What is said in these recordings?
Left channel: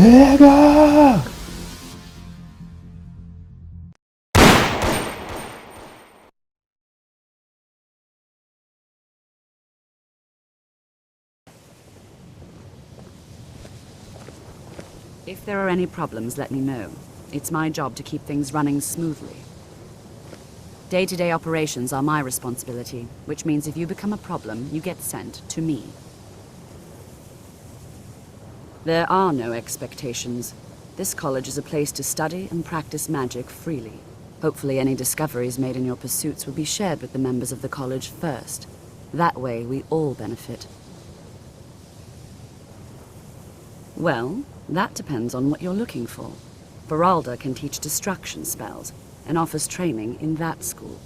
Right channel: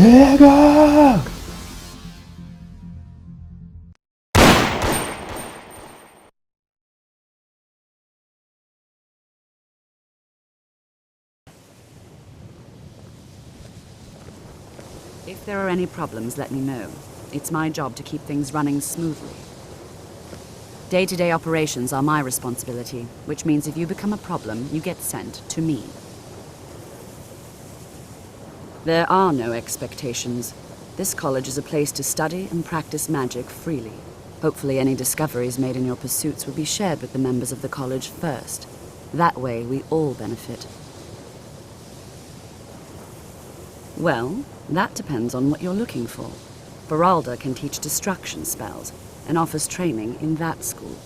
내가! If there are any problems, let me know. It's my job to keep things running smoothly. Day-to-day operations are my responsibility, which means if you become a problem, you get sent to me. There are no expectations. This college is a place to study and practice magic freely. Hopefully any discoveries made in your pursuits will be shared with the members of the college first. That way, we all benefit. Well, that depends on what you're looking for. Beralda can teach destruction spells, and offers training in that school.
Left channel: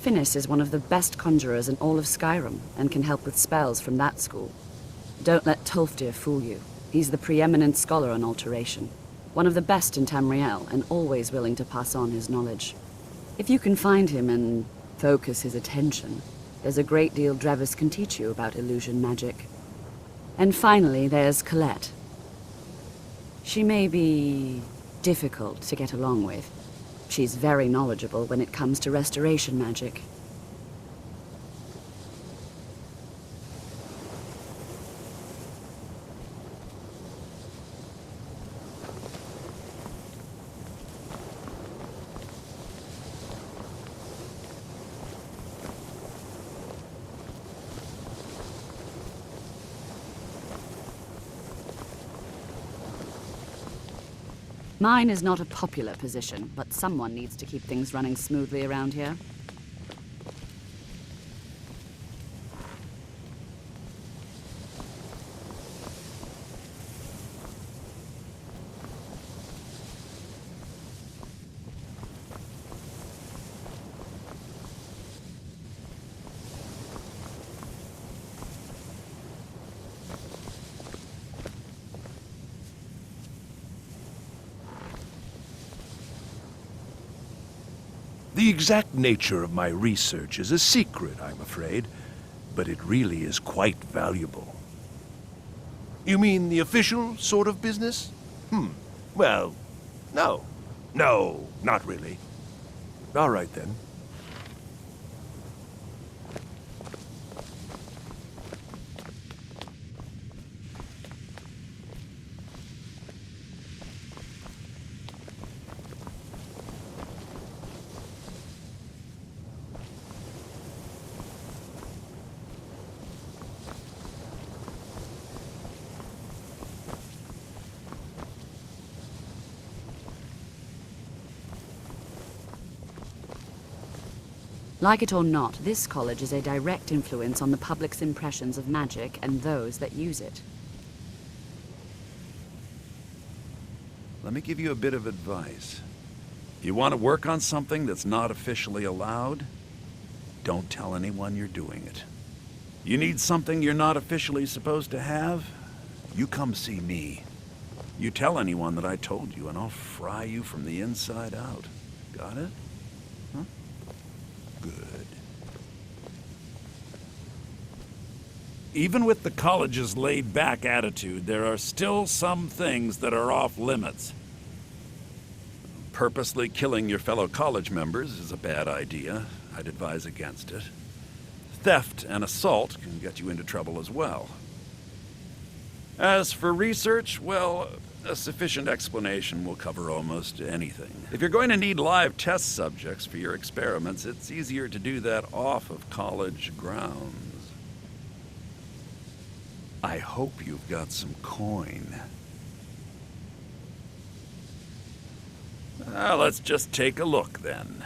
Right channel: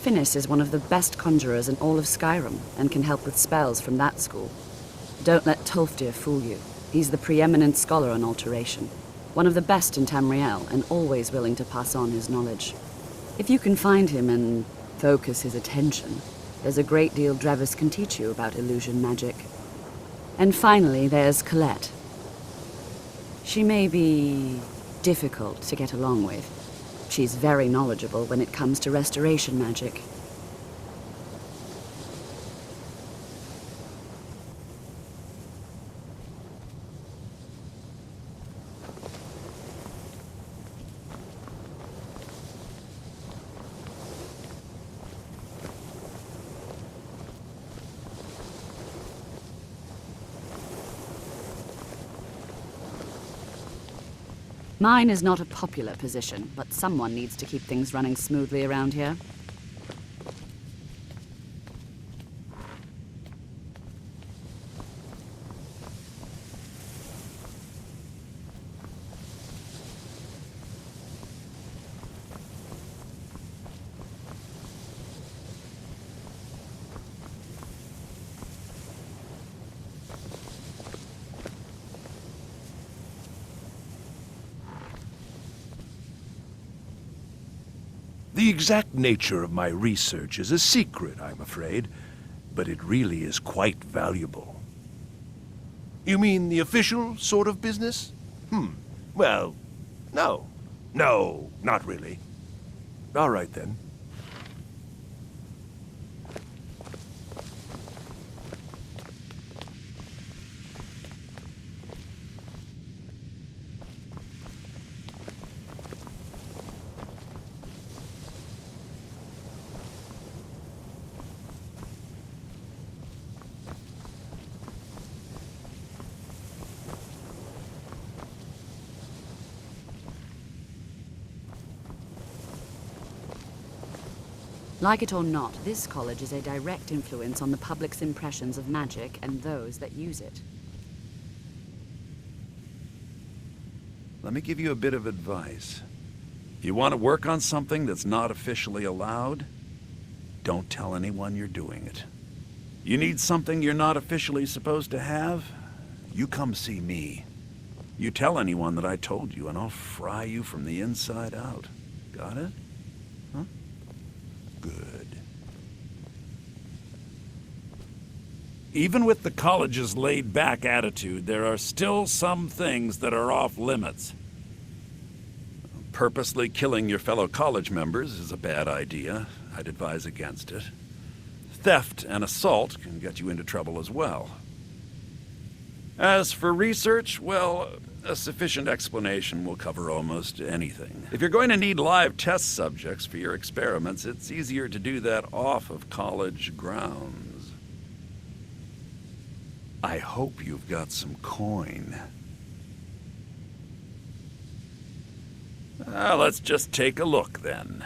Finis is one of the best conjurers in all of Skyrim, and can help with spells from that school. Don't let Tolfdir fool you. He's the preeminent scholar on alteration, one of the best in Tamriel, and always willing to pass on his knowledge. If you can find him and focus his attention, there's a great deal Drevis can teach you about illusion magic. And finally, there's Colette. She may be difficult to get along with. She's very knowledgeable when it comes to restoration magic. Mine is not a popular position, but someone needs to keep things running smoothly around here. The exact nature of my research is a secret, I'm afraid, but it really is quite valuable. You mean the official sort of business? Well, no. No, not really. All right, then. Like it or not, this college is a direct influence on the public's impressions of magic and those that use it. Let me give you a bit of advice. You want to work on something that's not officially allowed? Don't tell anyone you're doing it. You need something you're not officially supposed to have? You come see me. You tell anyone that I told you and I'll fry you from the inside out. Got it? Huh? Good. Even with the college's laid-back attitude, there are still some things that are off-limits. Purposely killing your fellow college members is a bad idea. I'd advise against it. Theft and assault can get you into trouble as well. As for research, well, a sufficient explanation will cover almost anything. If you're going to need live test subjects for your experiments, it's easier to do that off of college grounds. I hope you've got some coin. Let's just take a look then.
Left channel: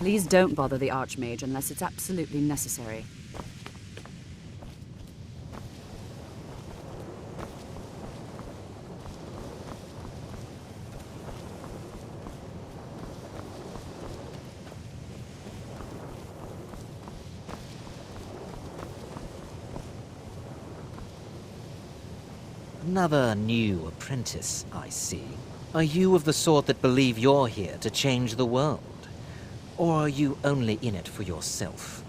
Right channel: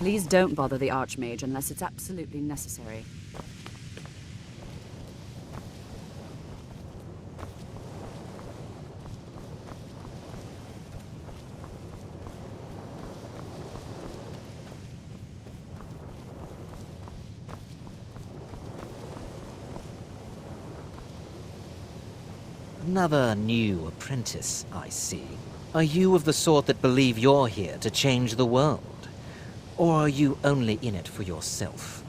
Please don't bother the Archmage unless it's absolutely necessary. Another new apprentice, I see. Are you of the sort that believe you're here to change the world? Or are you only in it for yourself?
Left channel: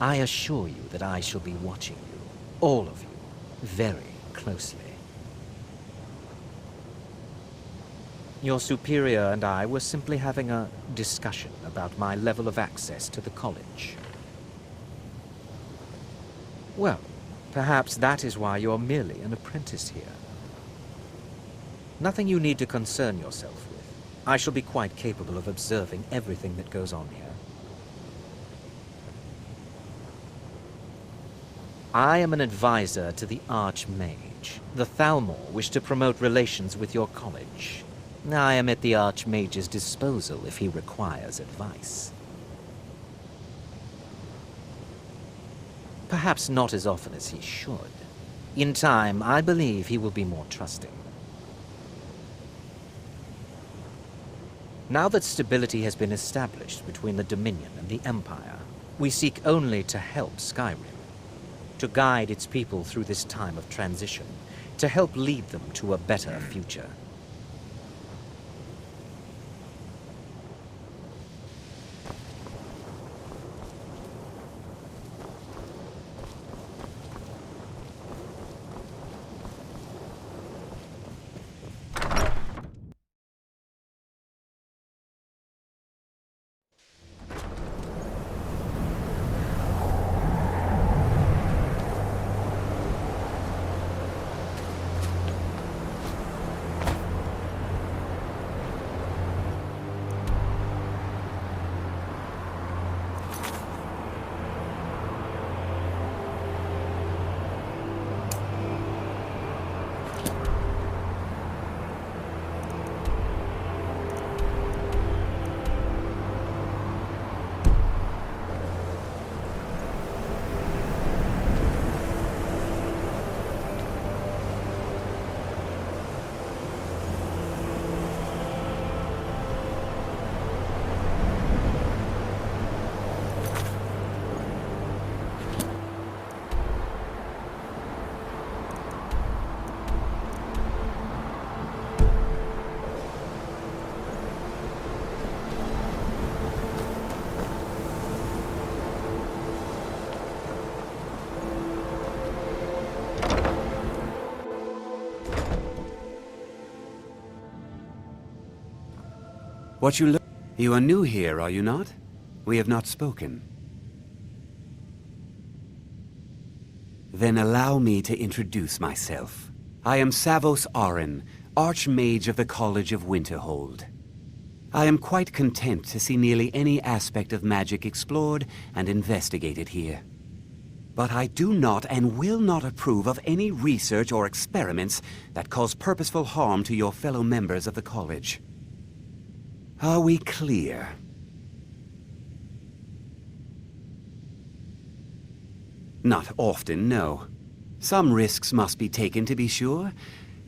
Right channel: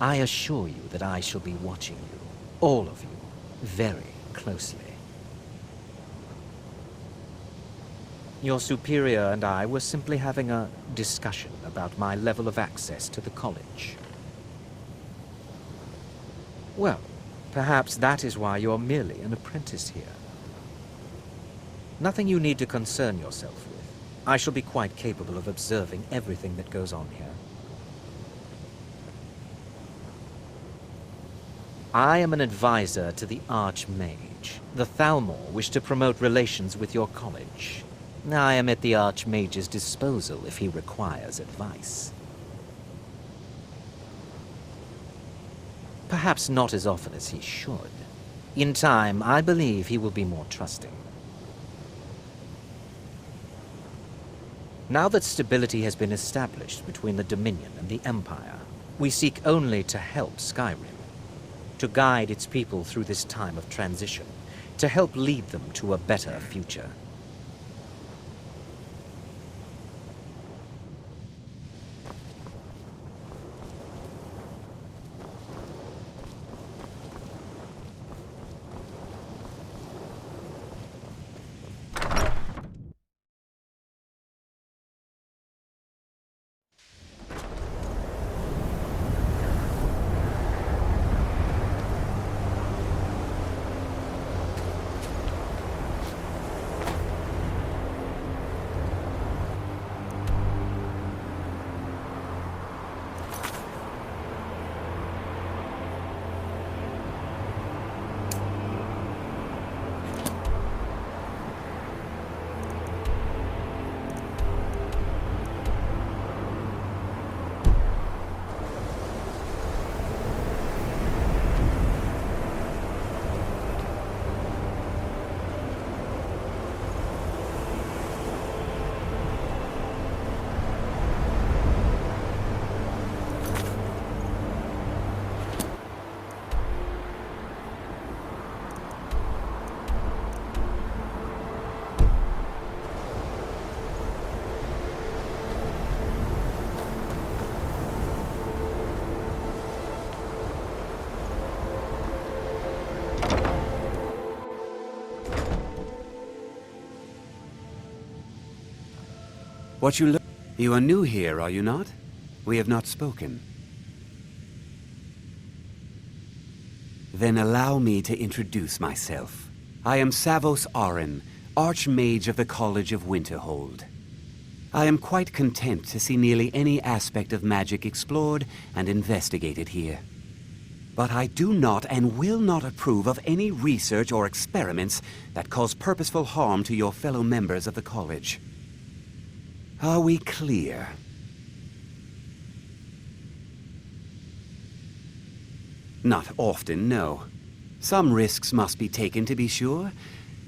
I assure you that I shall be watching you, all of you, very closely. Your superior and I were simply having a discussion about my level of access to the college. Well, perhaps that is why you're merely an apprentice here. Nothing you need to concern yourself with. I shall be quite capable of observing everything that goes on here. I am an advisor to the Archmage. The Thalmor wish to promote relations with your college. I am at the Archmage's disposal if he requires advice. Perhaps not as often as he should. In time, I believe he will be more trusting. Now that stability has been established between the Dominion and the Empire, we seek only to help Skyrim, to guide its people through this time of transition, to help lead them to a better future. You are new here, are you not? We have not spoken. Then allow me to introduce myself. I am Savos Arin, Archmage of the College of Winterhold. I am quite content to see nearly any aspect of magic explored and investigated here. But I do not and will not approve of any research or experiments that cause purposeful harm to your fellow members of the college. Are we clear? Not often, no. Some risks must be taken, to be sure.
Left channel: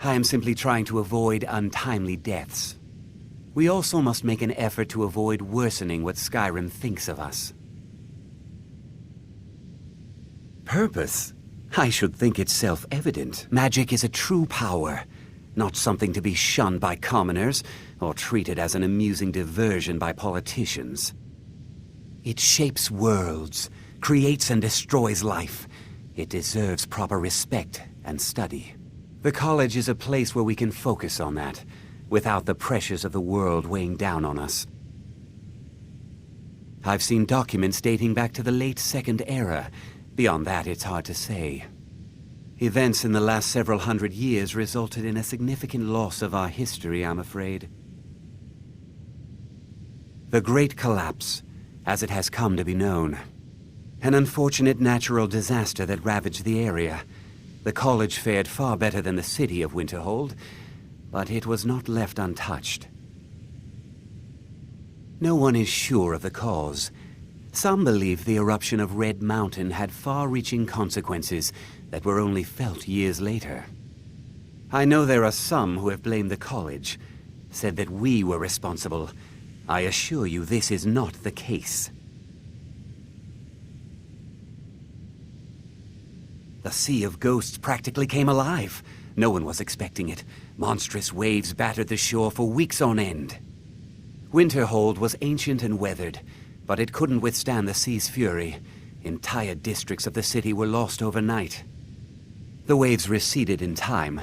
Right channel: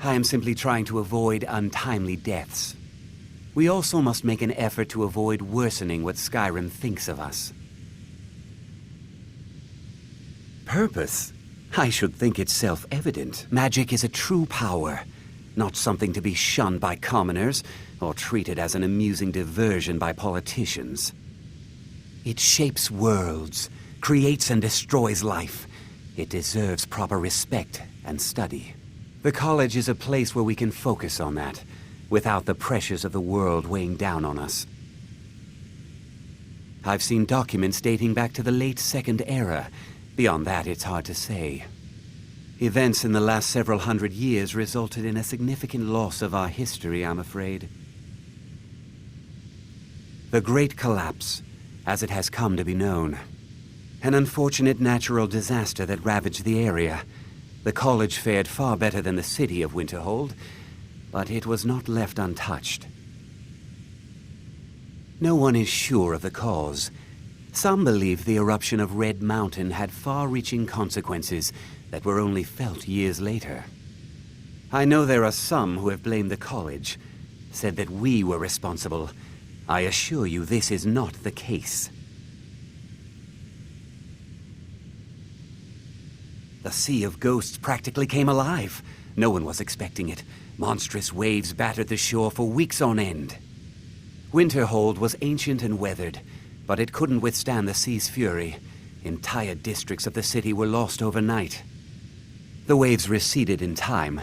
I am simply trying to avoid untimely deaths. We also must make an effort to avoid worsening what Skyrim thinks of us. Purpose? I should think it's self-evident. Magic is a true power, not something to be shunned by commoners or treated as an amusing diversion by politicians. It shapes worlds, creates and destroys life. It deserves proper respect and study. The college is a place where we can focus on that, without the pressures of the world weighing down on us. I've seen documents dating back to the late Second Era. Beyond that, it's hard to say. Events in the last several hundred years resulted in a significant loss of our history, I'm afraid. The Great Collapse, as it has come to be known. An unfortunate natural disaster that ravaged the area. The college fared far better than the city of Winterhold, but it was not left untouched. No one is sure of the cause. Some believe the eruption of Red Mountain had far-reaching consequences that were only felt years later. I know there are some who have blamed the college, said that we were responsible. I assure you this is not the case. The Sea of Ghosts practically came alive. No one was expecting it. Monstrous waves battered the shore for weeks on end. Winterhold was ancient and weathered, but it couldn't withstand the sea's fury. Entire districts of the city were lost overnight. The waves receded in time,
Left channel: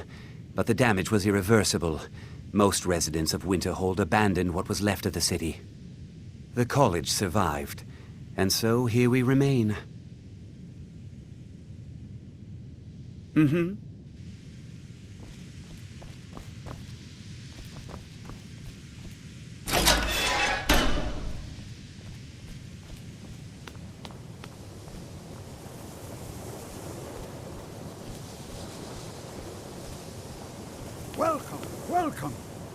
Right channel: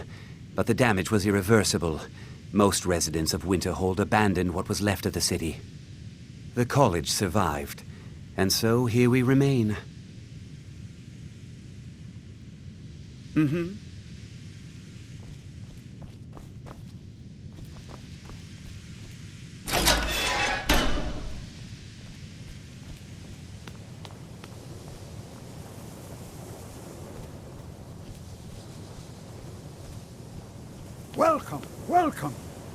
but the damage was irreversible. Most residents of Winterhold abandoned what was left of the city. The college survived, and so here we remain. Welcome, welcome.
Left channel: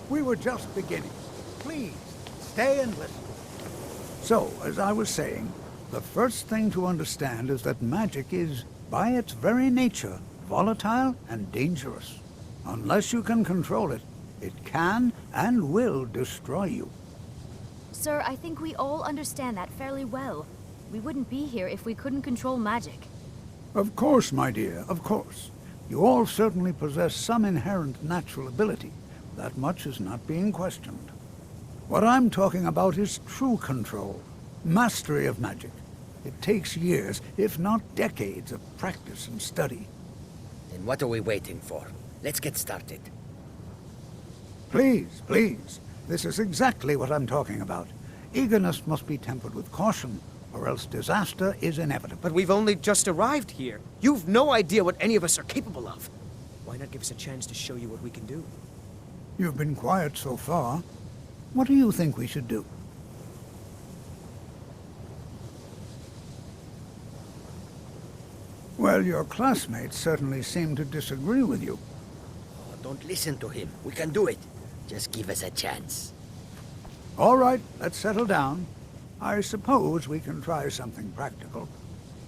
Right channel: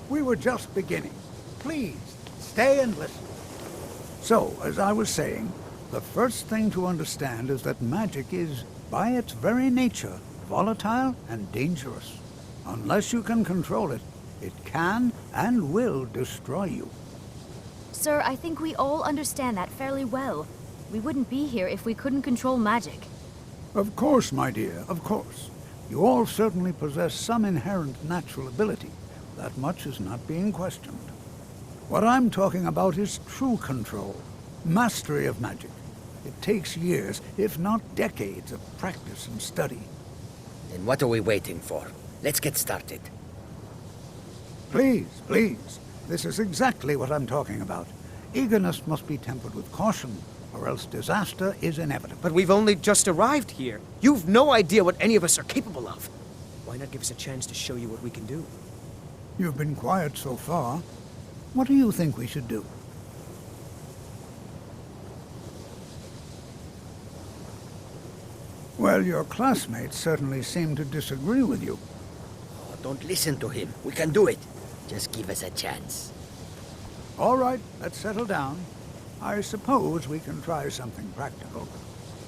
We were just beginning. Please, stay and listen. So, as I was saying, the first thing to understand is that magic is, by its very nature, volatile and dangerous. Unless you can control it, it can and will destroy you. Sir, I think we all understand that fairly well. We wouldn't be here if we couldn't control magic. Of course, my dear, of course. You all certainly possess some inherent natural ability. That much is not being questioned. What I'm talking about is true control, mastery of magic. It takes years, if not decades, of practice and study. Then what are we waiting for? Let's get started. Please, please. This is exactly what I'm talking about. Eagerness must be tempered with caution, or else disaster is inevitable. But we've only just arrived here. You've no idea what any of us are capable of. Why not give us a chance to show you what we can do? You've been quiet so far. What do you think we should do? Well, your classmates certainly seem to disagree with you. Oh, don't listen to him. We can do it. Just give us a chance. All right, let's settle down. I suppose we can try something practical.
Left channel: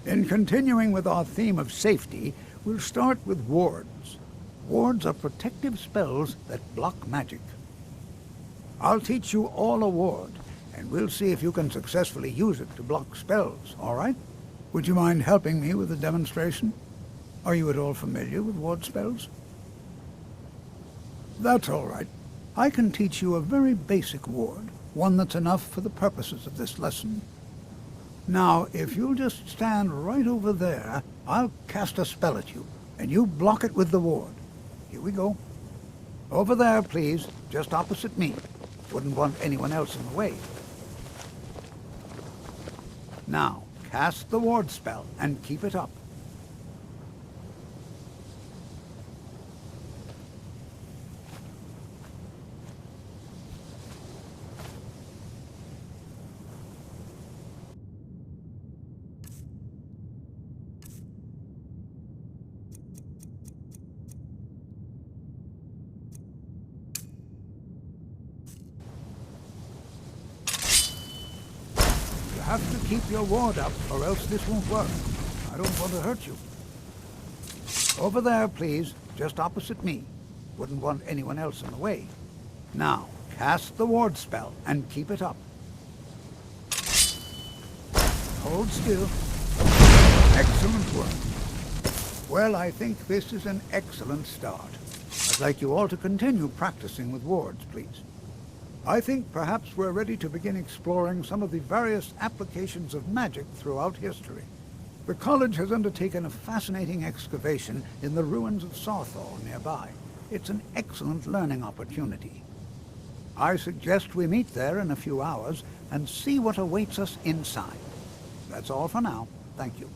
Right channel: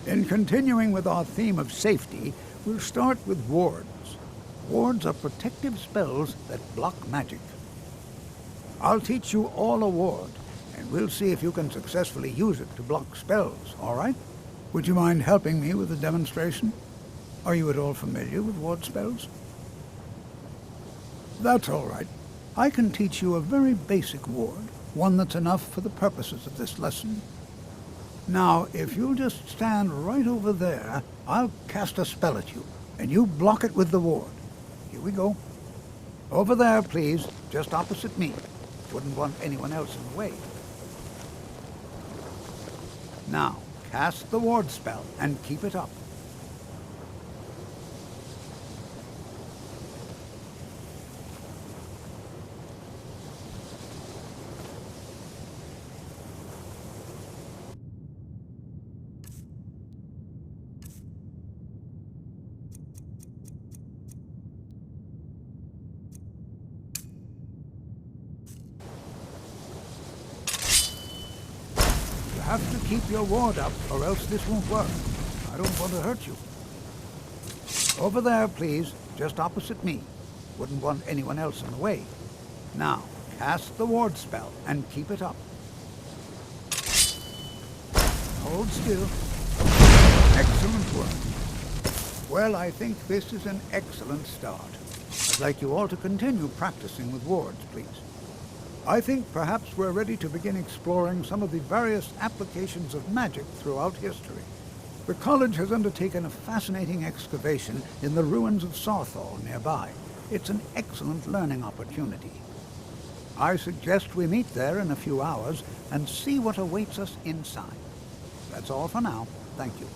In continuing with our theme of safety, we'll start with wards. Wards are protective spells that block magic. I'll teach you all a ward, and we'll see if you can successfully use it to block spells, all right? Would you mind helping me with the demonstration? Are you at all familiar with ward spells? That's all right. I can teach you a very basic ward, one that's enough for the purposes of this lesson. Now, if you'll just stand right over there, I'll cast a spell at you, and you block it with the ward. Here we go. Over there, please, just opposite me. Wouldn't want anyone else in the way. Now, cast the ward spell, and keep it up. You have to keep your ward up, or else this won't work. I don't want to hurt you. Over there, please, just opposite me. Wouldn't want anyone else in the way. Now, cast the ward spell, and keep it up. Hold still. Excellent work. Well, I think this is an excellent start. I'd like you all to continue practicing with wards, please. I think perhaps we're ready to begin exploring some of the various applications of magic throughout history. The college has undertaken a fascinating excavation in the ruins of Sarthal nearby. It's an excellent learning opportunity. I suggest we meet there in a few hours and see what awaits us inside. That's all for now. Thank you.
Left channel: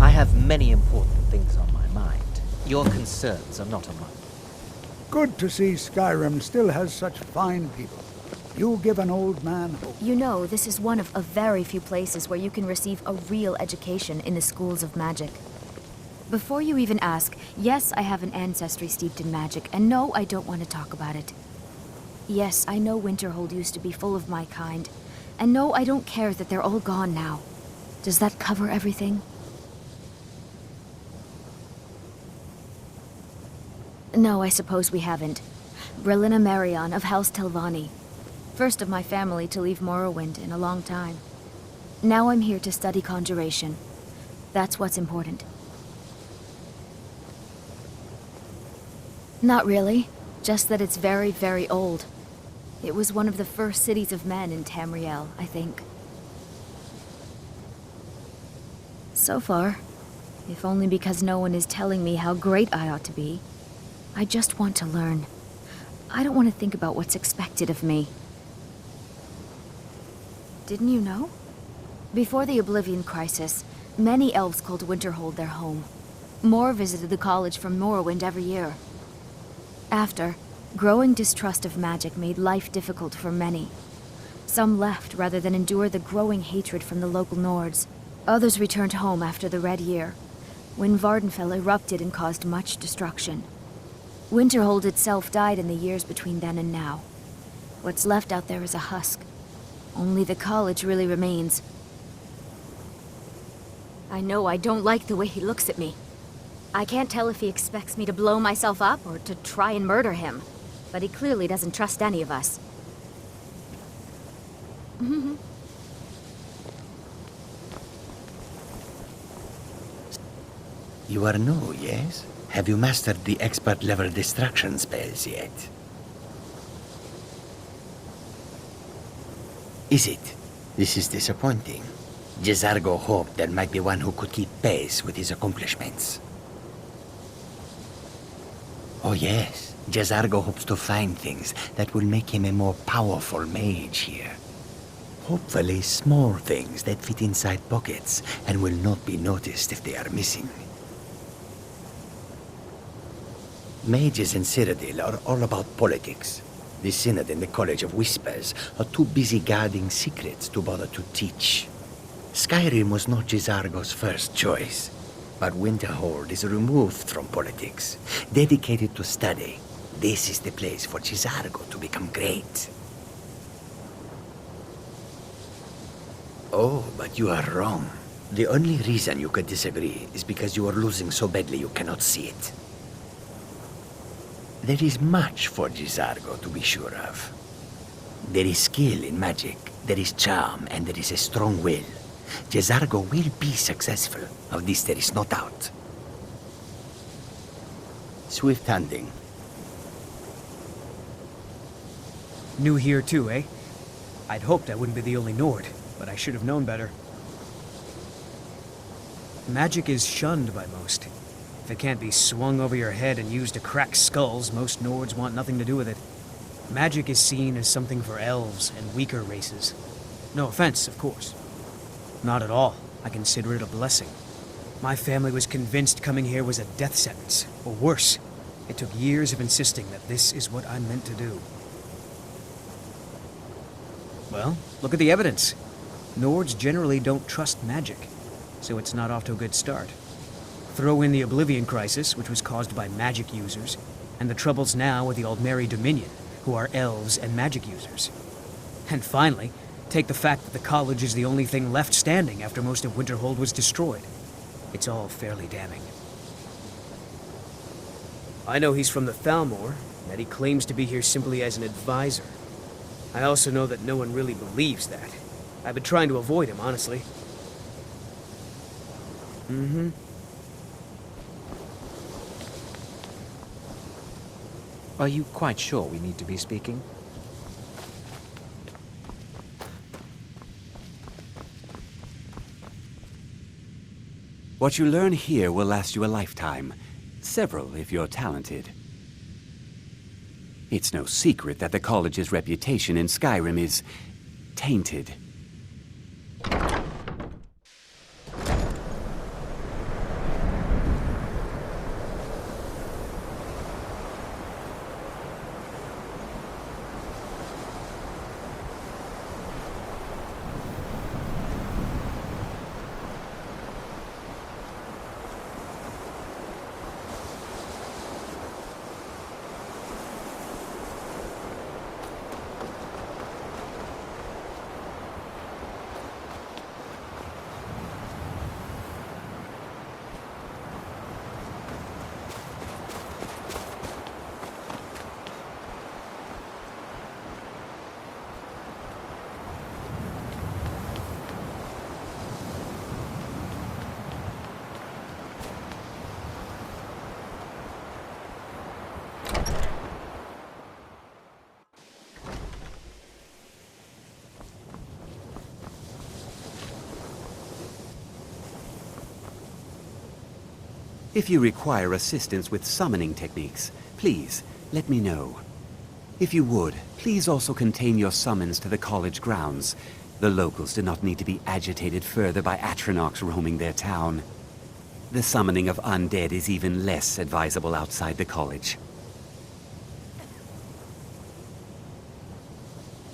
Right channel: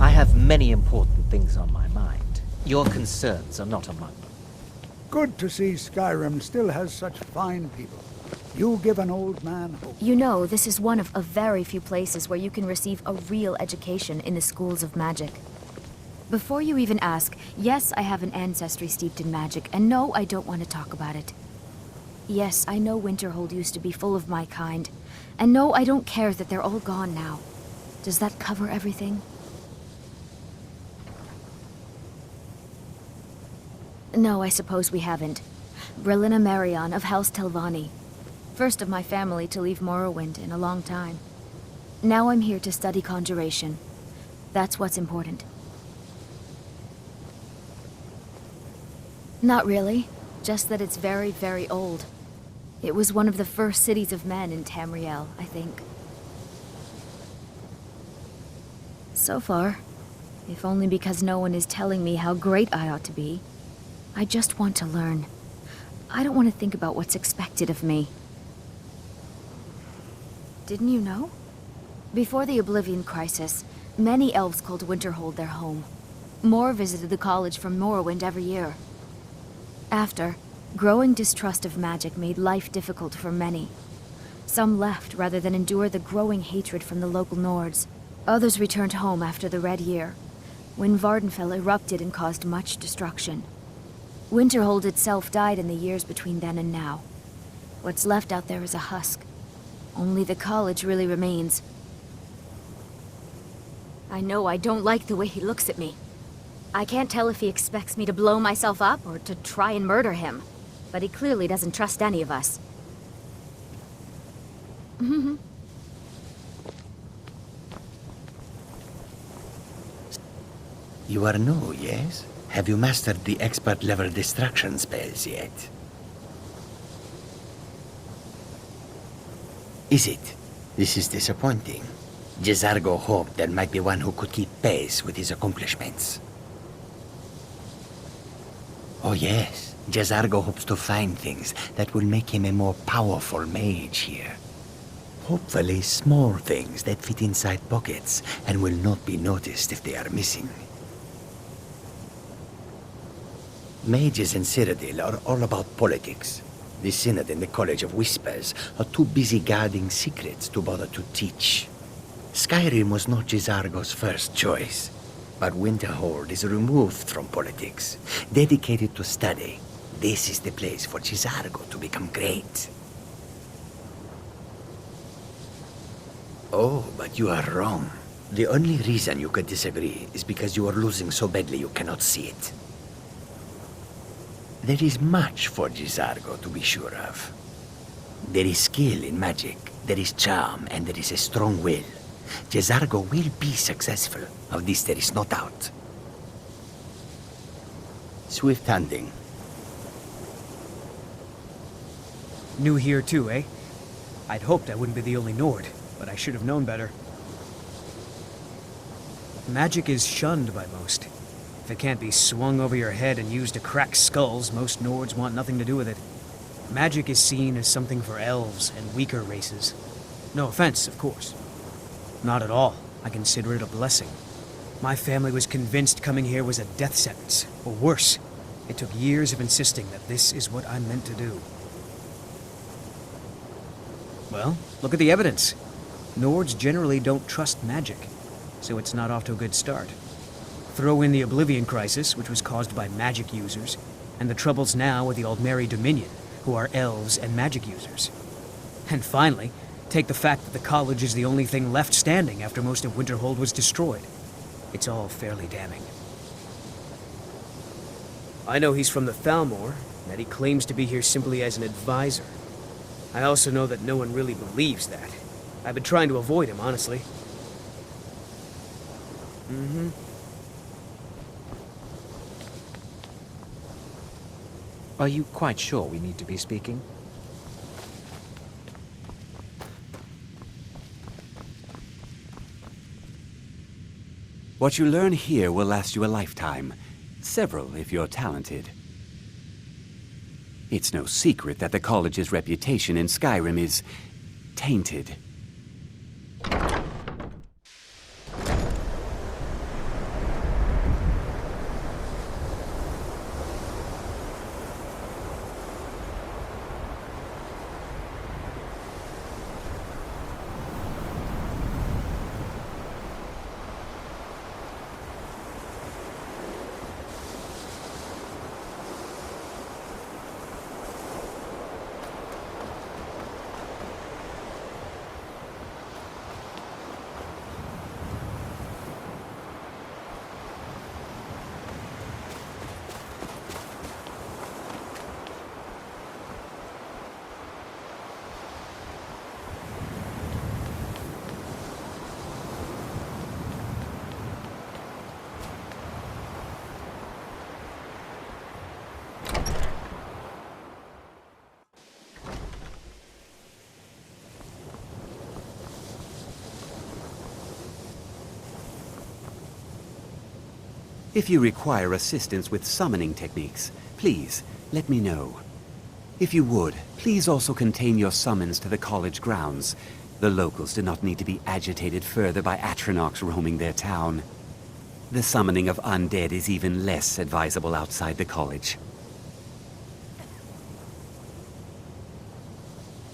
I have many important things on my mind. Your concerns are not among them. Good to see Skyrim still has such fine people. You give an old man hope. You know, this is one of a very few places where you can receive a real education in the schools of magic. Before you even ask, yes, I have an ancestry steeped in magic, and no, I don't want to talk about it. Yes, I know Winterhold used to be full of my kind, and no, I don't care that they're all gone now. Does that cover everything? No, I suppose we haven't. Brillina Marion of House Telvanni. First of my family to leave Morrowind in a long time. Now I'm here to study conjuration. That's what's important. Not really. Just that it's very, very old. It was one of the first cities of men in Tamriel, I think. So far, if only because no one is telling me how great I ought to be, I just want to learn. I don't want to think about what's expected of me. Didn't you know? Before the Oblivion Crisis, many elves called Winterhold their home. More visited the college from Morrowind every year. After, growing distrust of magic made life difficult for many. Some left rather than endure the growing hatred from the local Nords. Others returned home after the Red Year, when Vardenfell erupted and caused much destruction. Winterhold itself died in the years between then and now. What's left out there is a husk. Only the college really remains. I know I don't like the way he looks at me. I can't tell if he expects me to blow myself up or to try and murder him. But he clearly doesn't trust any of us. You are new, yes? Have you mastered the expert-level distraction spells yet? Is it? This is disappointing. Jezargo hoped there might be one who could keep pace with his accomplishments. Oh yes, Jezargo hopes to find things that will make him a more powerful mage here. Hopefully small things that fit inside pockets and will not be noticed if they are missing. Mages in Cyrodiil are all about politics. The Synod and the College of Whispers are too busy guarding secrets to bother to teach. Skyrim was not Jezargo's first choice, but Winterhold is removed from politics, dedicated to study. This is the place for Jezargo to become great. Oh, but you are wrong. The only reason you could disagree is because you are losing so badly you cannot see it. There is much for Jezargo to be sure of. There is skill in magic, there is charm, and there is a strong will. Jezargo will be successful. Of this there is no doubt. Swift hunting. New here too, eh? I'd hoped I wouldn't be the only Nord, but I should have known better. Magic is shunned by most. If it can't be swung over your head and used to crack skulls, most Nords want nothing to do with it. Magic is seen as something for elves and weaker races. No offense, of course. Not at all. I consider it a blessing. My family was convinced coming here was a death sentence, or worse. It took years of insisting that this is what I'm meant to do. Well, look at the evidence. Nords generally don't trust magic, so it's not off to a good start. Throw in the Oblivion Crisis, which was caused by magic users, and the troubles now with the Aldmeri Dominion, who are elves and magic users. And finally, take the fact that the college is the only thing left standing after most of Winterhold was destroyed. It's all fairly damning. I know he's from the Thalmor, and that he claims to be here simply as an advisor. I also know that no one really believes that. I've been trying to avoid him, honestly. Are you quite sure we need to be speaking? What you learn here will last you a lifetime. Several, if you're talented. It's no secret that the college's reputation in Skyrim is tainted. If you require assistance with summoning techniques, please let me know. If you would, please also contain your summons to the college grounds. The locals do not need to be agitated further by Atronachs roaming their town. The summoning of undead is even less advisable outside the college.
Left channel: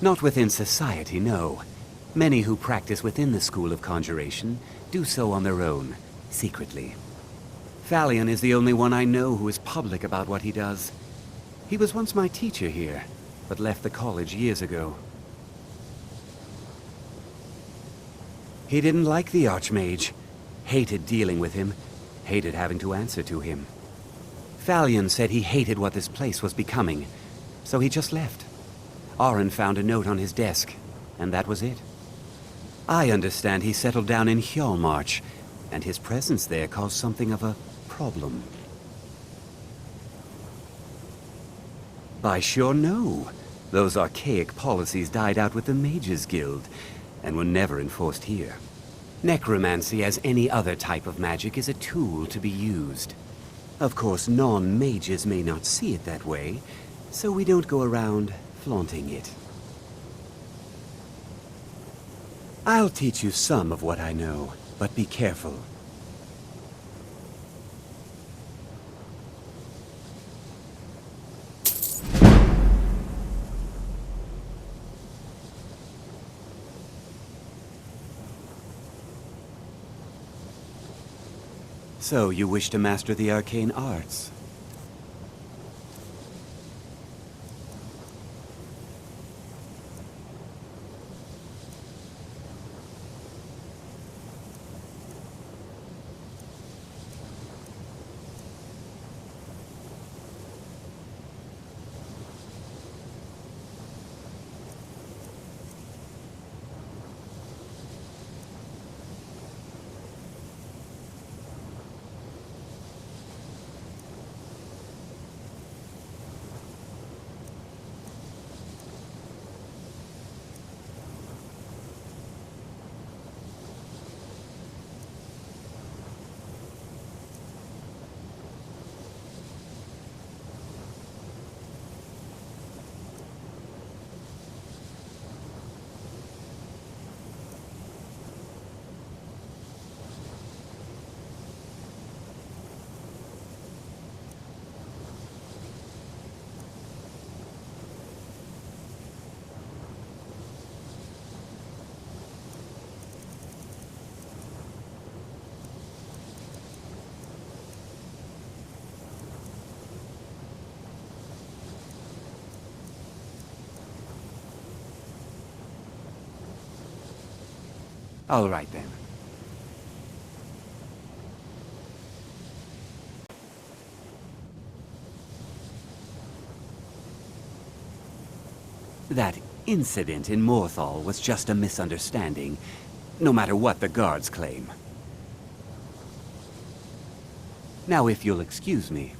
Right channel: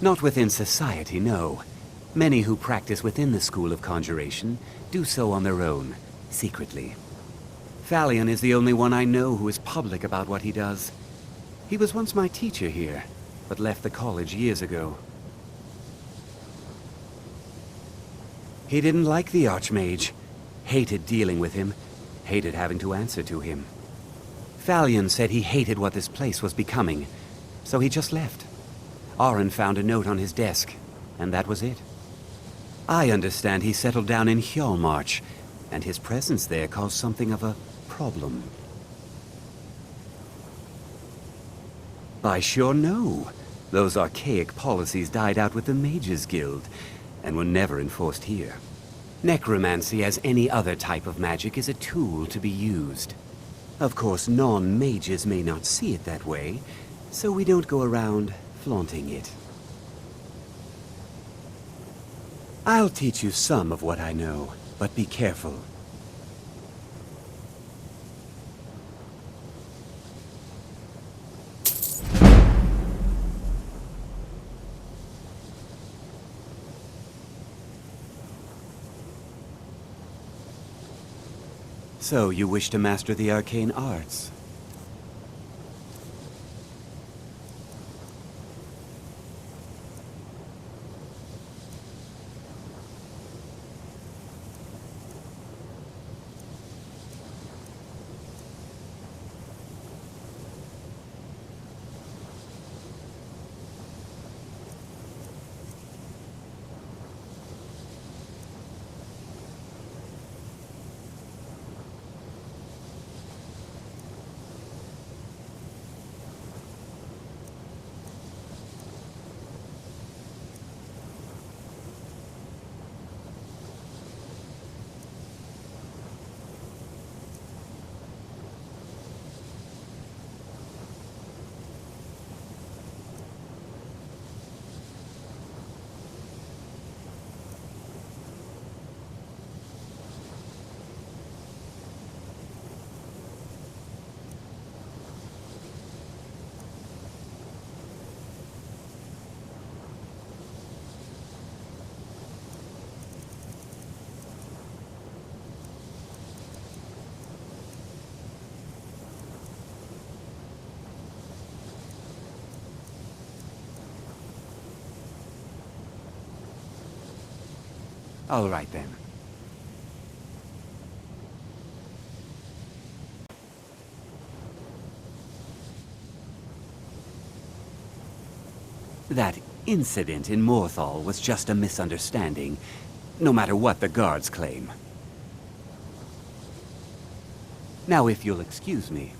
Not within society, no. Many who practice within the School of Conjuration do so on their own, secretly. Thalion is the only one I know who is public about what he does. He was once my teacher here, but left the college years ago. He didn't like the Archmage, hated dealing with him, hated having to answer to him. Thalion said he hated what this place was becoming, so he just left. Arin found a note on his desk, and that was it. I understand he settled down in Hjalmarch, and his presence there caused something of a problem. I sure know. Those archaic policies died out with the Mages Guild, and were never enforced here. Necromancy, as any other type of magic, is a tool to be used. Of course, non-mages may not see it that way, so we don't go around flaunting it. I'll teach you some of what I know, but be careful. So, you wish to master the arcane arts? All right, then. That incident in Morthal was just a misunderstanding, no matter what the guards claim. Now, if you'll excuse me.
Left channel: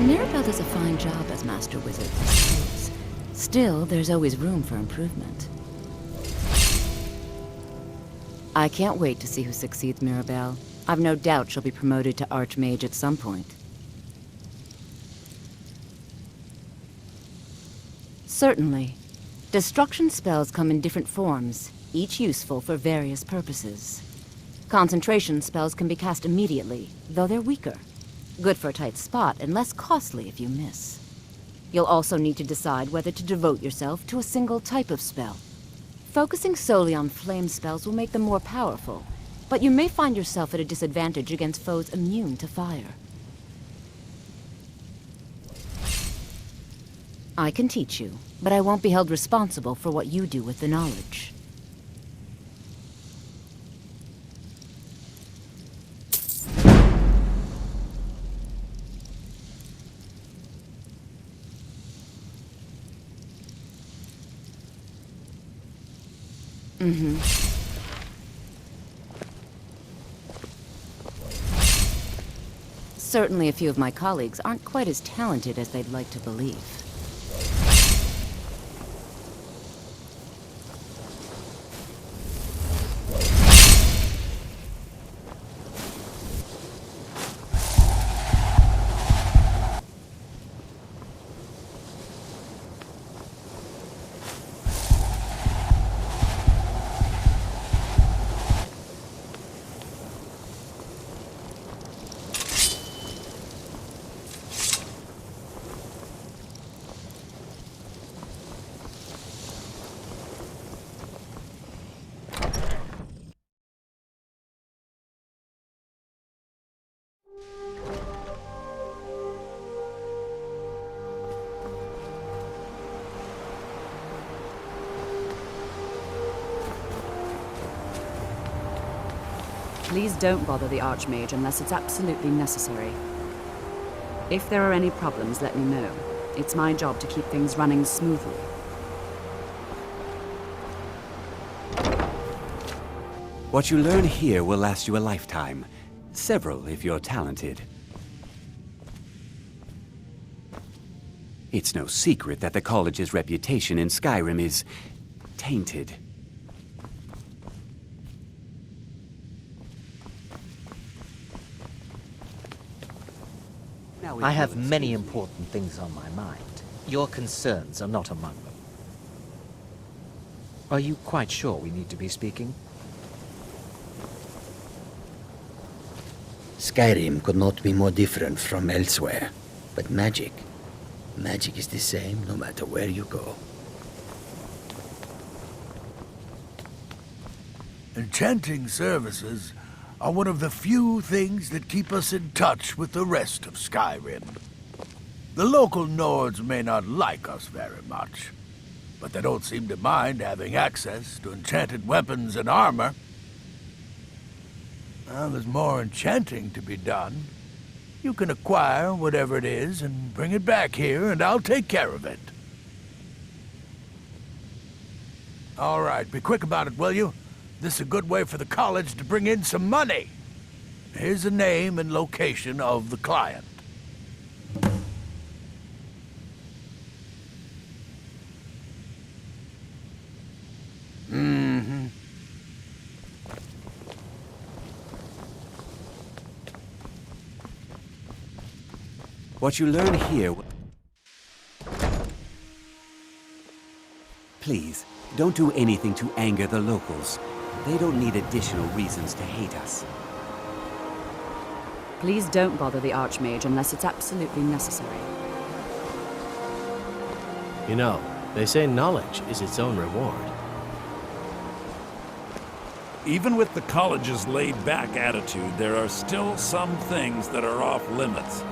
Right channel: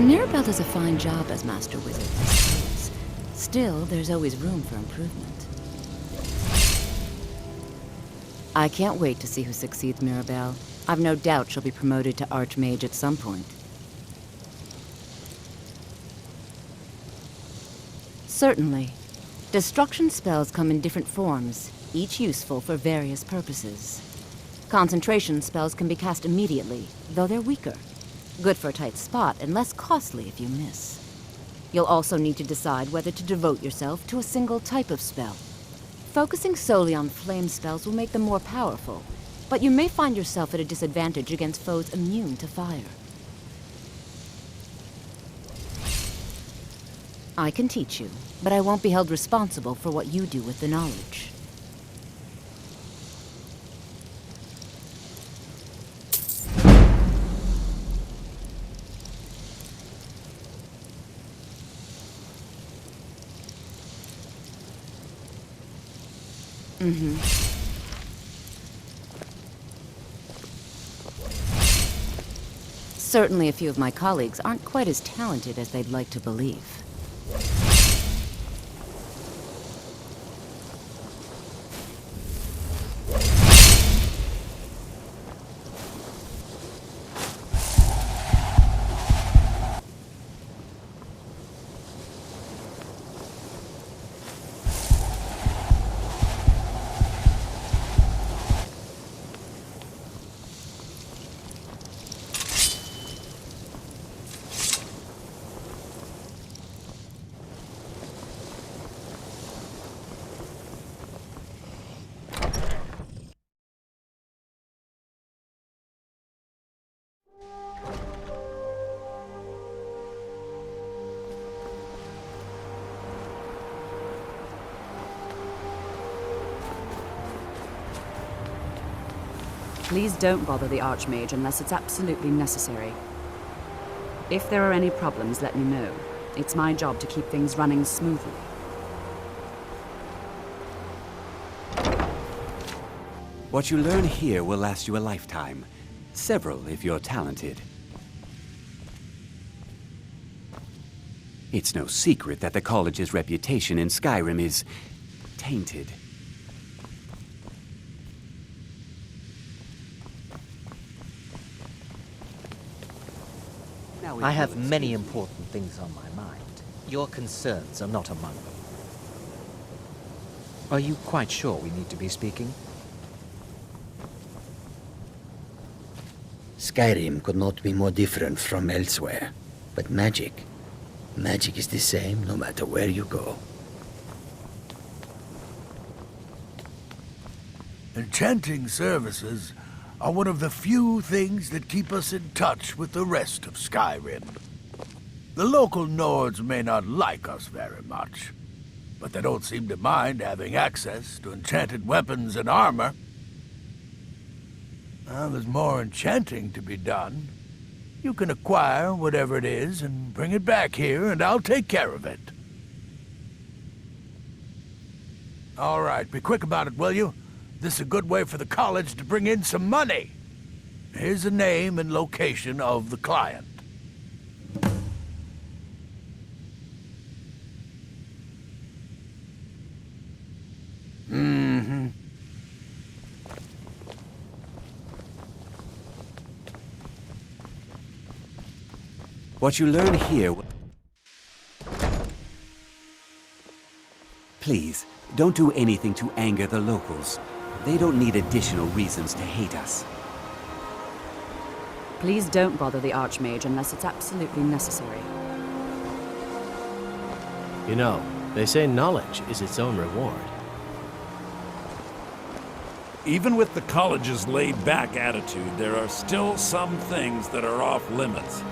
Mirabelle does a fine job as Master Wizard, I suppose. Still, there's always room for improvement. I can't wait to see who succeeds Mirabelle. I've no doubt she'll be promoted to Archmage at some point. Certainly. Destruction spells come in different forms, each useful for various purposes. Concentration spells can be cast immediately, though they're weaker. Good for a tight spot and less costly if you miss. You'll also need to decide whether to devote yourself to a single type of spell. Focusing solely on flame spells will make them more powerful, but you may find yourself at a disadvantage against foes immune to fire. I can teach you, but I won't be held responsible for what you do with the knowledge. Certainly a few of my colleagues aren't quite as talented as they'd like to believe. Please don't bother the Archmage unless it's absolutely necessary. If there are any problems, let me know. It's my job to keep things running smoothly. What you learn here will last you a lifetime. Several, if you're talented. It's no secret that the college's reputation in Skyrim is tainted. I have many important things on my mind. Your concerns are not among them. Are you quite sure we need to be speaking? Skyrim could not be more different from elsewhere. But magic is the same no matter where you go. Enchanting services are one of the few things that keep us in touch with the rest of Skyrim. The local Nords may not like us very much, but they don't seem to mind having access to enchanted weapons and armor. Well, there's more enchanting to be done. You can acquire whatever it is and bring it back here, and I'll take care of it. All right, be quick about it, will you? This is a good way for the college to bring in some money. Here's the name and location of the client. What you learn here... Please, don't do anything to anger the locals. They don't need additional reasons to hate us. Please don't bother the Archmage unless it's absolutely necessary. You know, they say knowledge is its own reward. Even with the college's laid-back attitude, there are still some things that are off limits.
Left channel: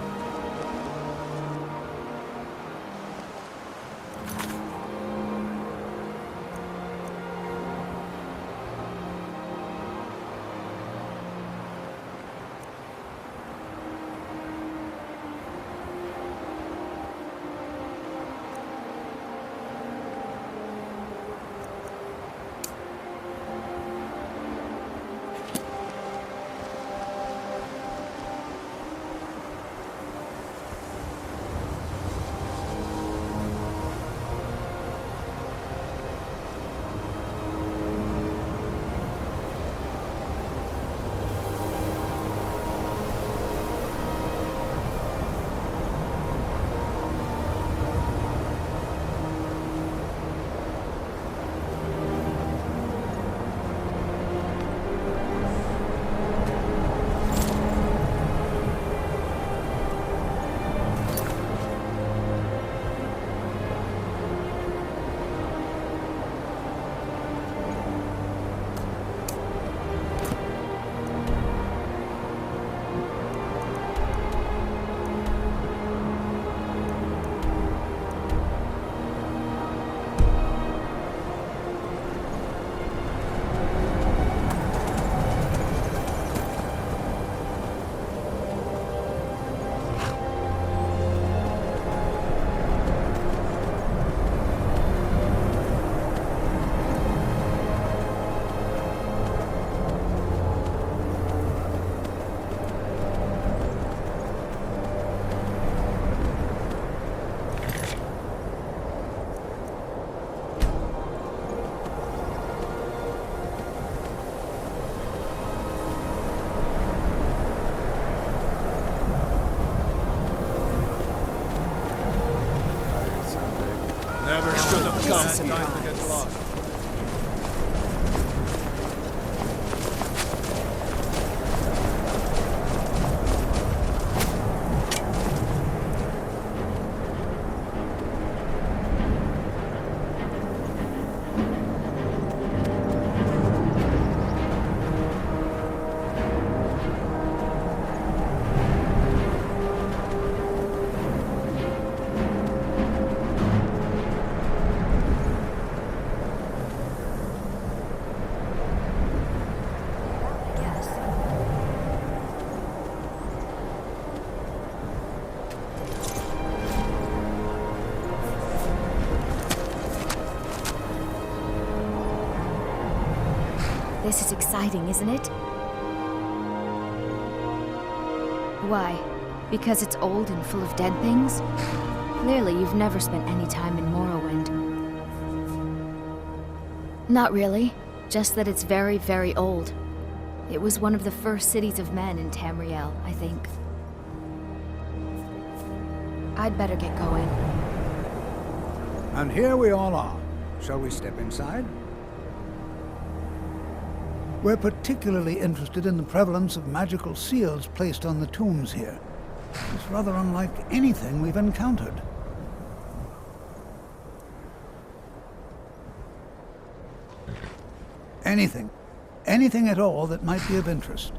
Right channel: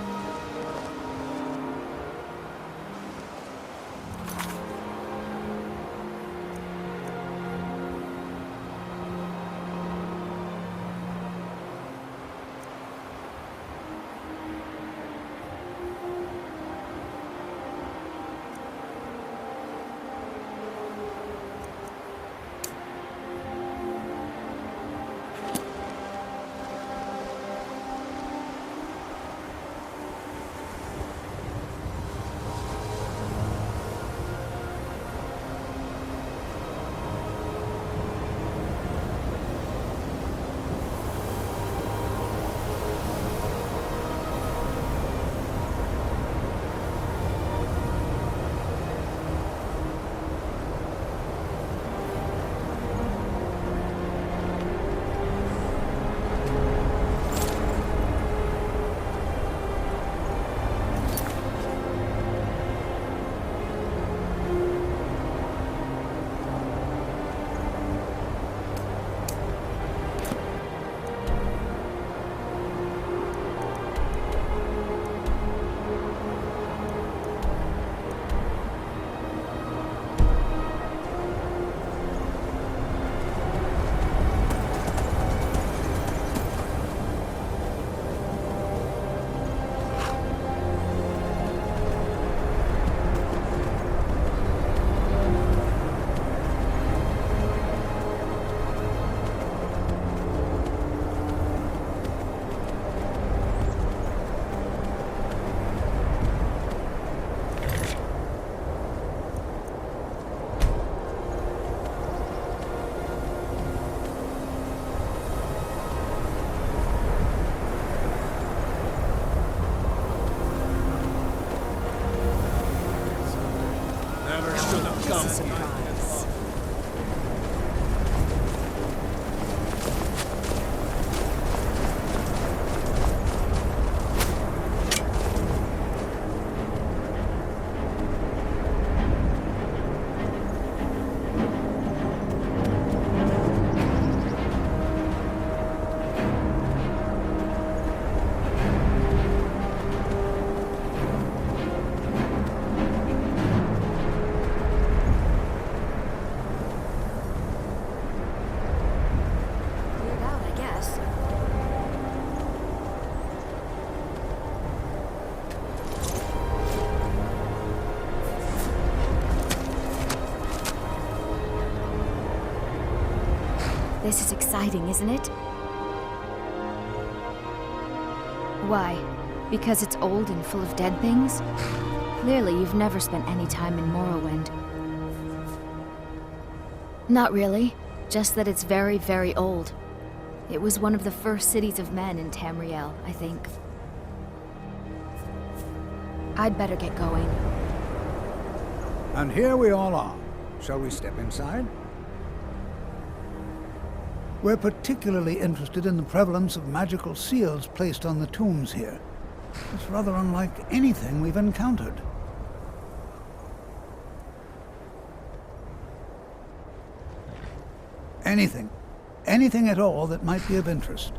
Never should have This is a come. surprise. Cleared out, I guess. This is exciting, isn't it? Why? Because it's old and full of dead things? Clearly, you've never spent any time in Morrowind. Not really. Just that it's very, very old. It was one of the first cities of men in Tamriel, I think. I'd better get going. And here we all are. Shall we step inside? We're particularly interested in the prevalence of magical seals placed on the tombs here. It's rather unlike anything we've encountered. Anything. Anything at all that might be of interest.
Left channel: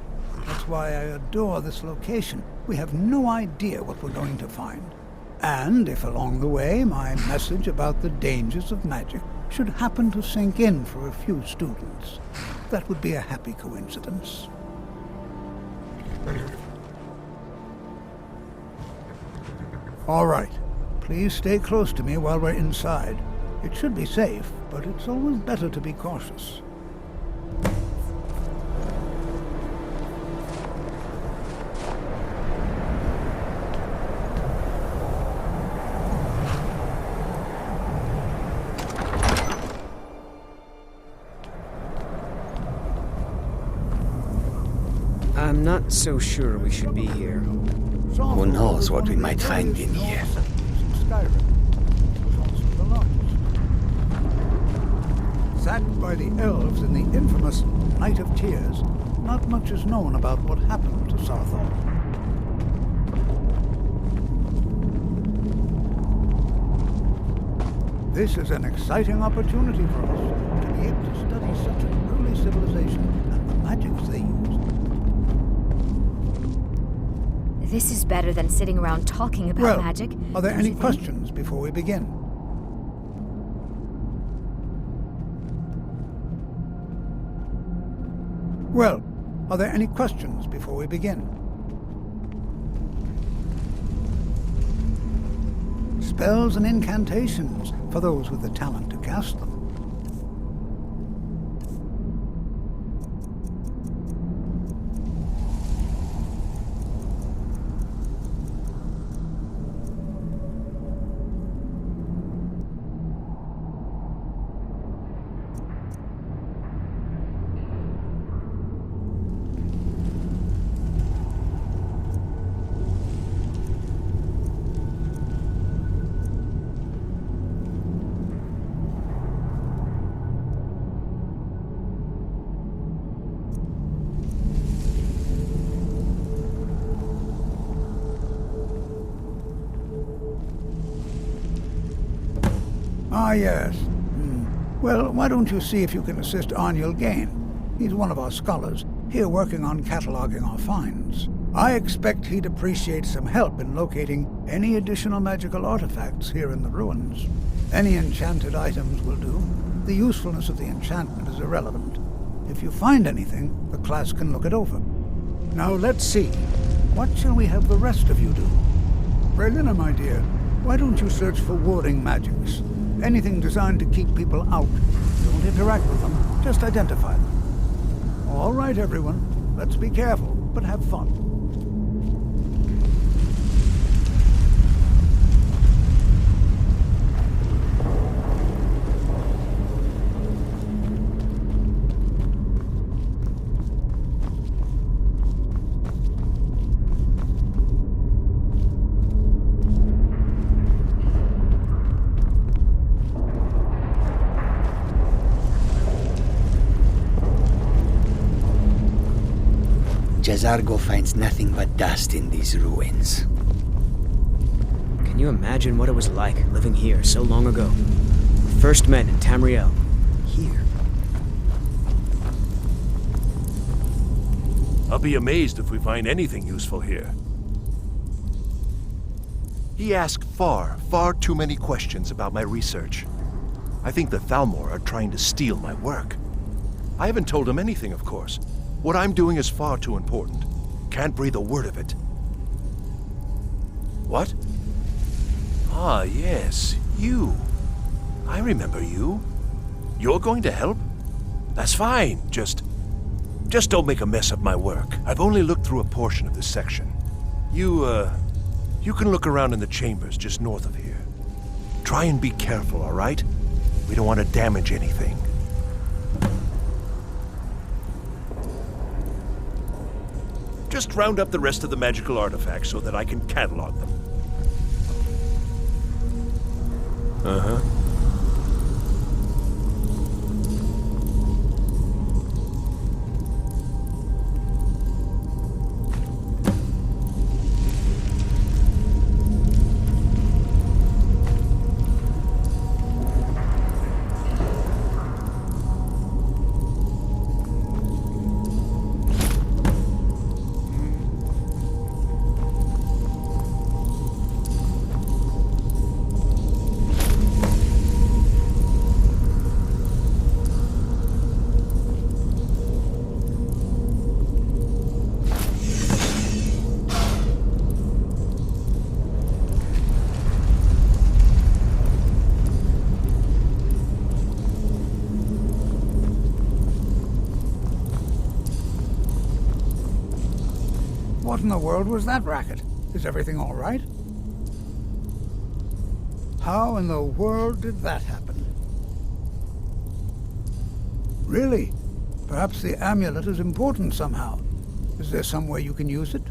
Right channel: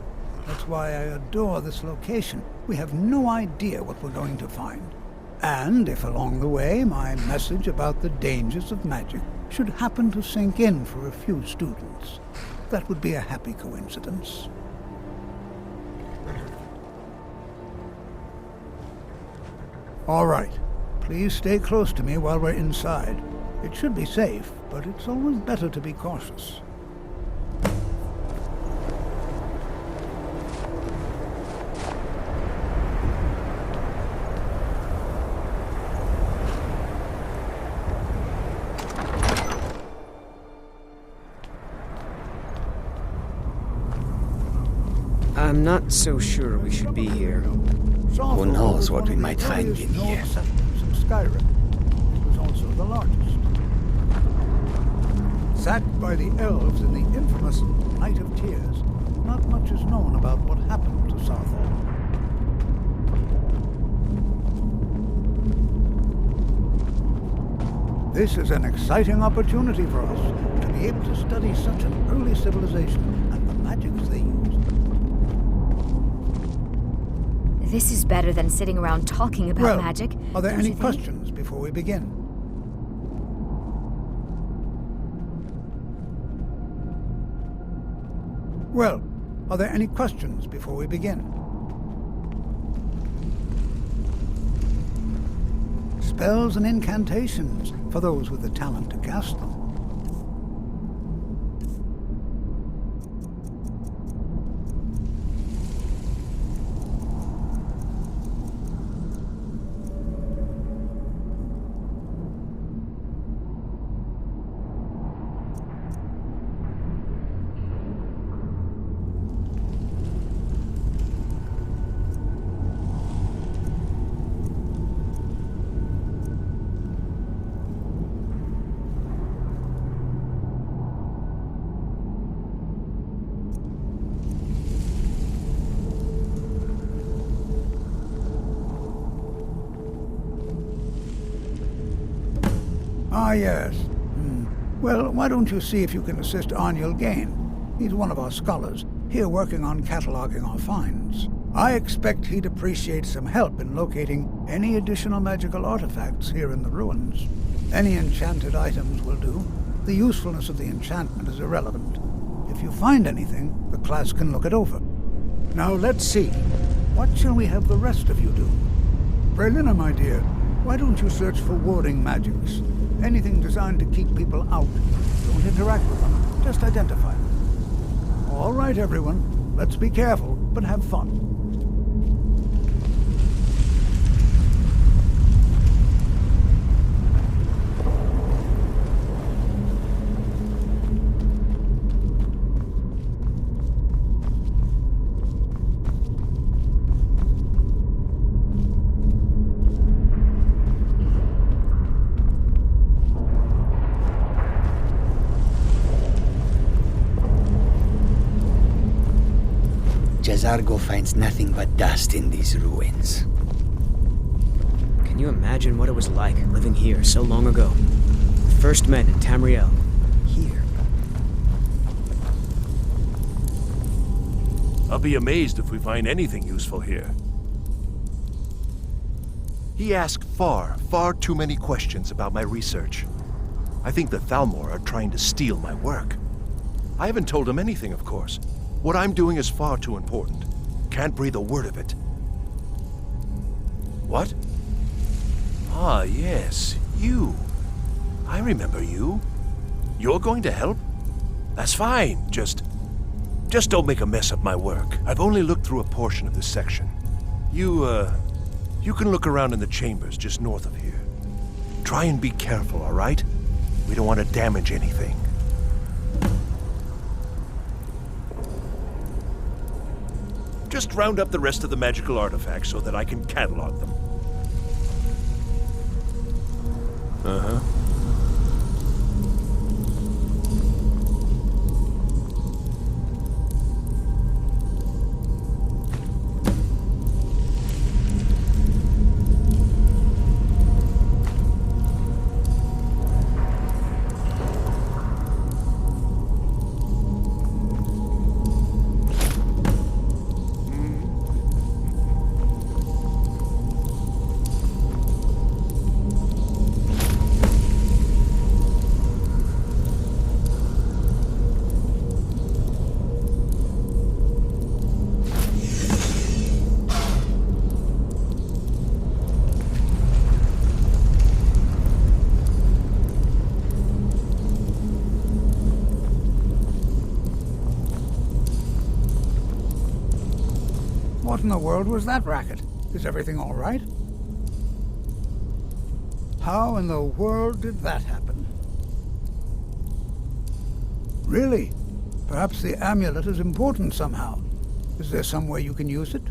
That's why I adore this location. We have no idea what we're going to find. And if along the way my message about the dangers of magic should happen to sink in for a few students, that would be a happy coincidence. All right. Please stay close to me while we're inside. It should be safe, but it's always better to be cautious. I'm not so sure we should be here. Who knows what we might find in here? In Skyrim. It was also the largest. Sacked by the elves in the infamous Night of Tears, not much is known about what happened to Sarthal. This is an exciting opportunity for us to be able to study such an early civilization and the magics they used. This is better than sitting around talking about magic. Are there don't any you think? questions before we begin? Well, are there any questions before we begin? Spells and incantations for those with the talent to cast them. Ah, yes. Well, why don't you see if you can assist Arniel Gain? He's one of our scholars, here working on cataloging our finds. I expect he'd appreciate some help in locating any additional magical artifacts here in the ruins. Any enchanted items will do. The usefulness of the enchantment is irrelevant. If you find anything, the class can look it over. Now let's see. What shall we have the rest of you do? Brelina, my dear, why don't you search for warding magics? Anything designed to keep people out. Don't interact with them, just identify them. All right, everyone. Let's be careful, but have fun. Jazargo finds nothing but dust in these ruins. Can you imagine what it was like living here so long ago? We first met in Tamriel. Here. I'll be amazed if we find anything useful here. He asked far too many questions about my research. I think the Thalmor are trying to steal my work. I haven't told him anything, of course. What I'm doing is far too important. Can't breathe a word of it. What? Ah, yes, you. I remember you. You're going to help? That's fine, just don't make a mess of my work. I've only looked through a portion of this section. You can look around in the chambers just north of here. Try and be careful, all right? We don't want to damage anything. Just round up the rest of the magical artifacts so that I can catalog them. Uh-huh. What in the world was that racket? Is everything all right? How in the world did that happen? Really? Perhaps the amulet is important somehow. Is there some way you can use it?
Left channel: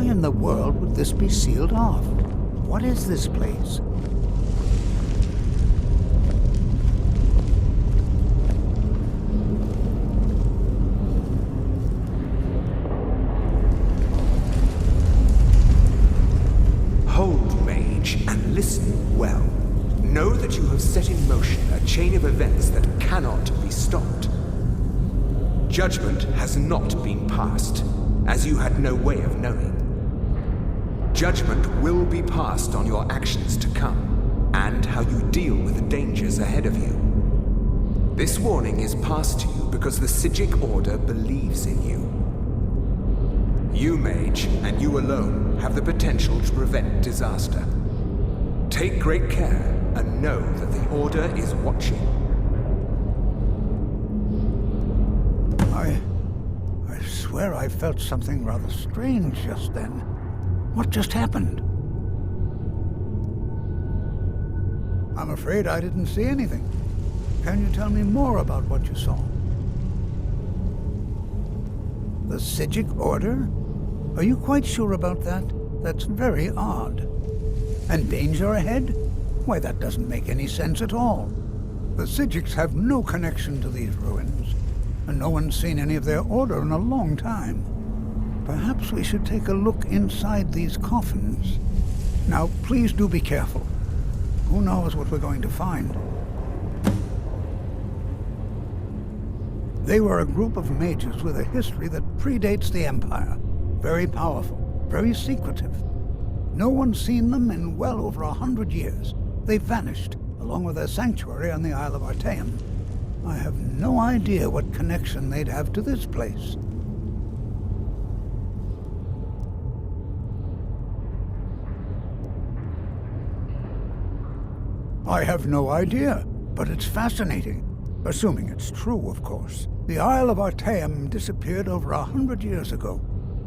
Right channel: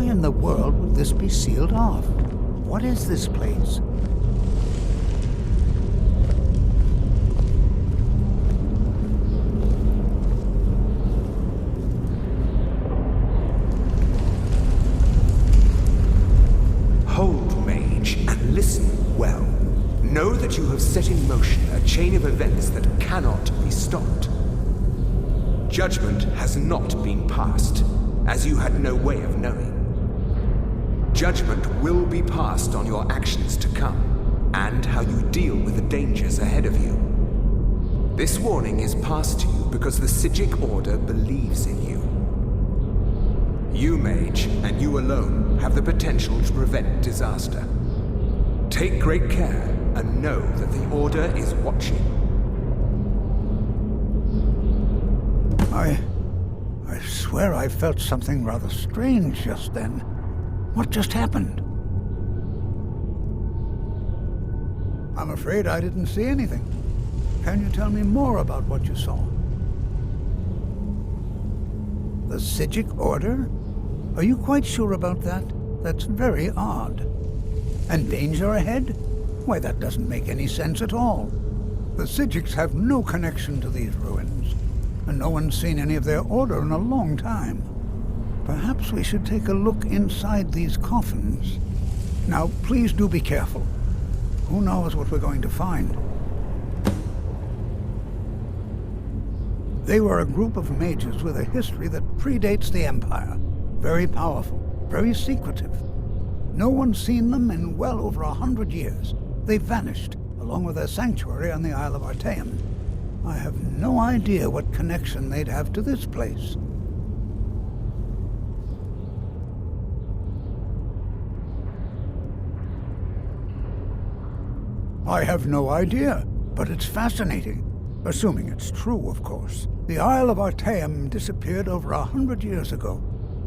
why in the world would this be sealed off? What is this place? Hold, mage, and listen well. Know that you have set in motion a chain of events that cannot be stopped. Judgment has not been passed, as you had no way of knowing. Judgment will be passed on your actions to come, and how you deal with the dangers ahead of you. This warning is passed to you because the Psijic Order believes in you. You, mage, and you alone, have the potential to prevent disaster. Take great care, and know that the Order is watching. I swear I felt something rather strange just then. What just happened? I'm afraid I didn't see anything. Can you tell me more about what you saw? The Psijic Order? Are you quite sure about that? That's very odd. And danger ahead? Why, that doesn't make any sense at all. The Psijics have no connection to these ruins, and no one's seen any of their order in a long time. Perhaps we should take a look inside these coffins. Now, please do be careful. Who knows what we're going to find? They were a group of mages with a history that predates the Empire. Very powerful, very secretive. No one's seen them in well over 100 years. They vanished, along with their sanctuary on the Isle of Artaeum. I have no idea what connection they'd have to this place. I have no idea, but it's fascinating. Assuming it's true, of course. The Isle of Artaeum disappeared over 100 years ago,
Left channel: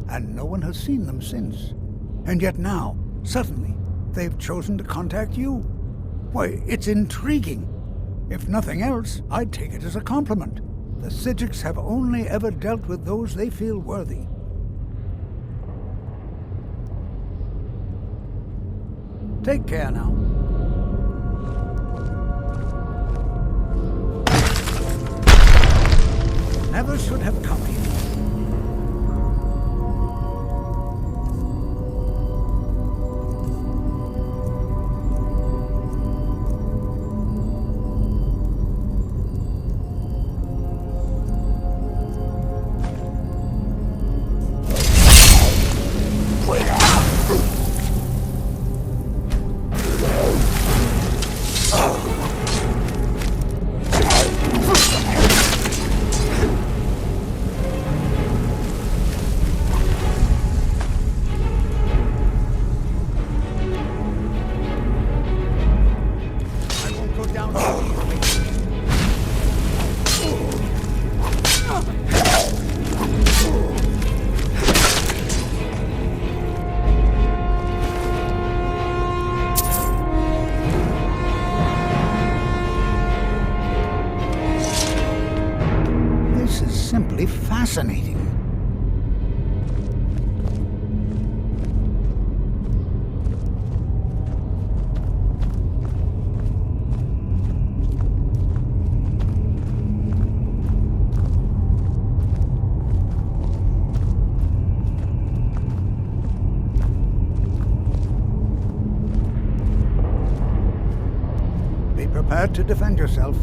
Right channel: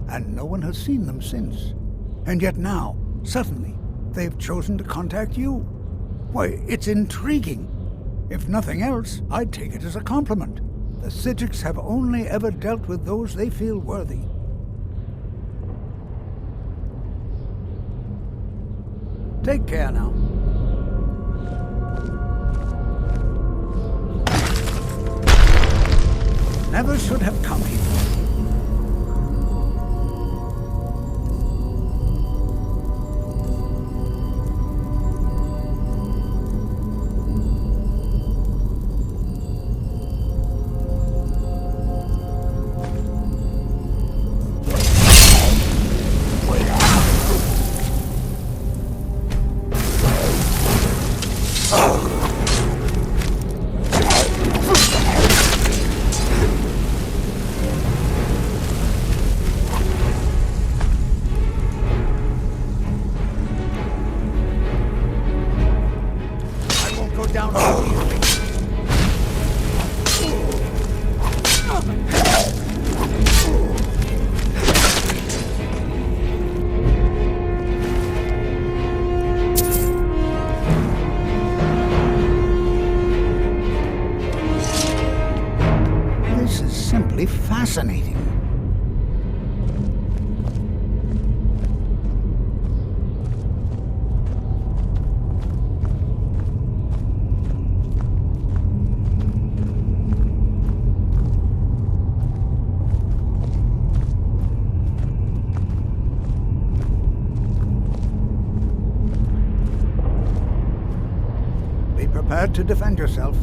and no one has seen them since. And yet now, suddenly, they've chosen to contact you. Why, it's intriguing. If nothing else, I'd take it as a compliment. The Psijics have only ever dealt with those they feel worthy. Take care now. Never should have come here. Down easily. This is simply fascinating. Be prepared to defend yourself.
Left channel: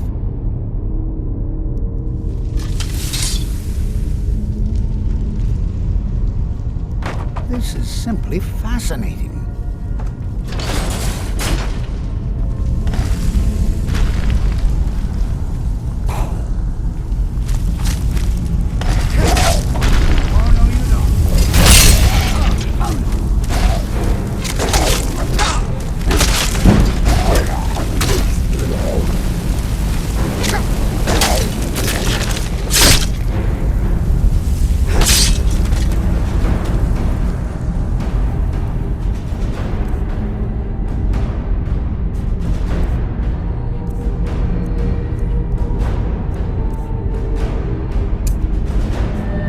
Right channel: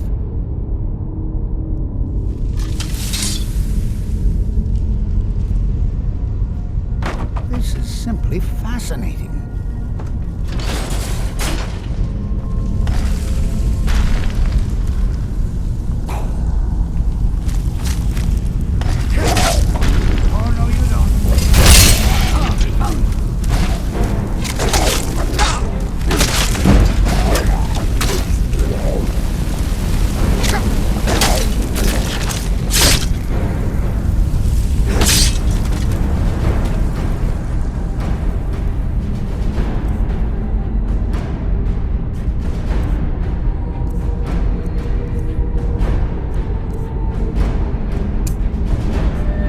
This is simply fascinating. Oh, no, you don't.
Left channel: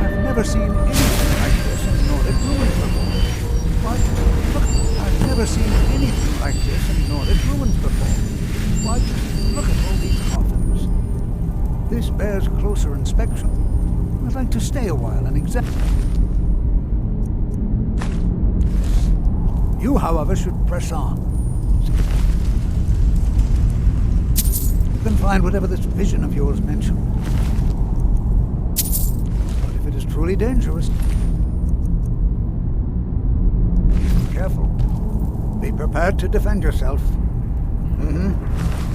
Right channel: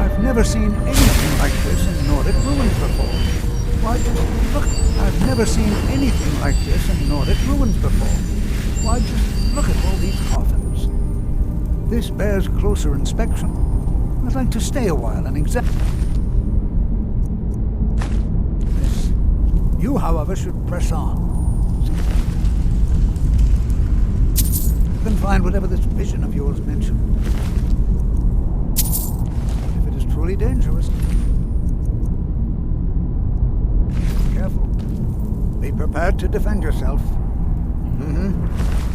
I've never seen anything like this in Nordic ruins before. Why, look, I've never seen anything like this in Nordic ruins before. Why, just look at all these coffins. This bears closer inspection. I'd like to stay a while and examine. You, however, should press on. You can find whatever this vision of yours mentioned. But if it is truly dangerous, be careful. Be prepared to defend yourself. Mm-hmm.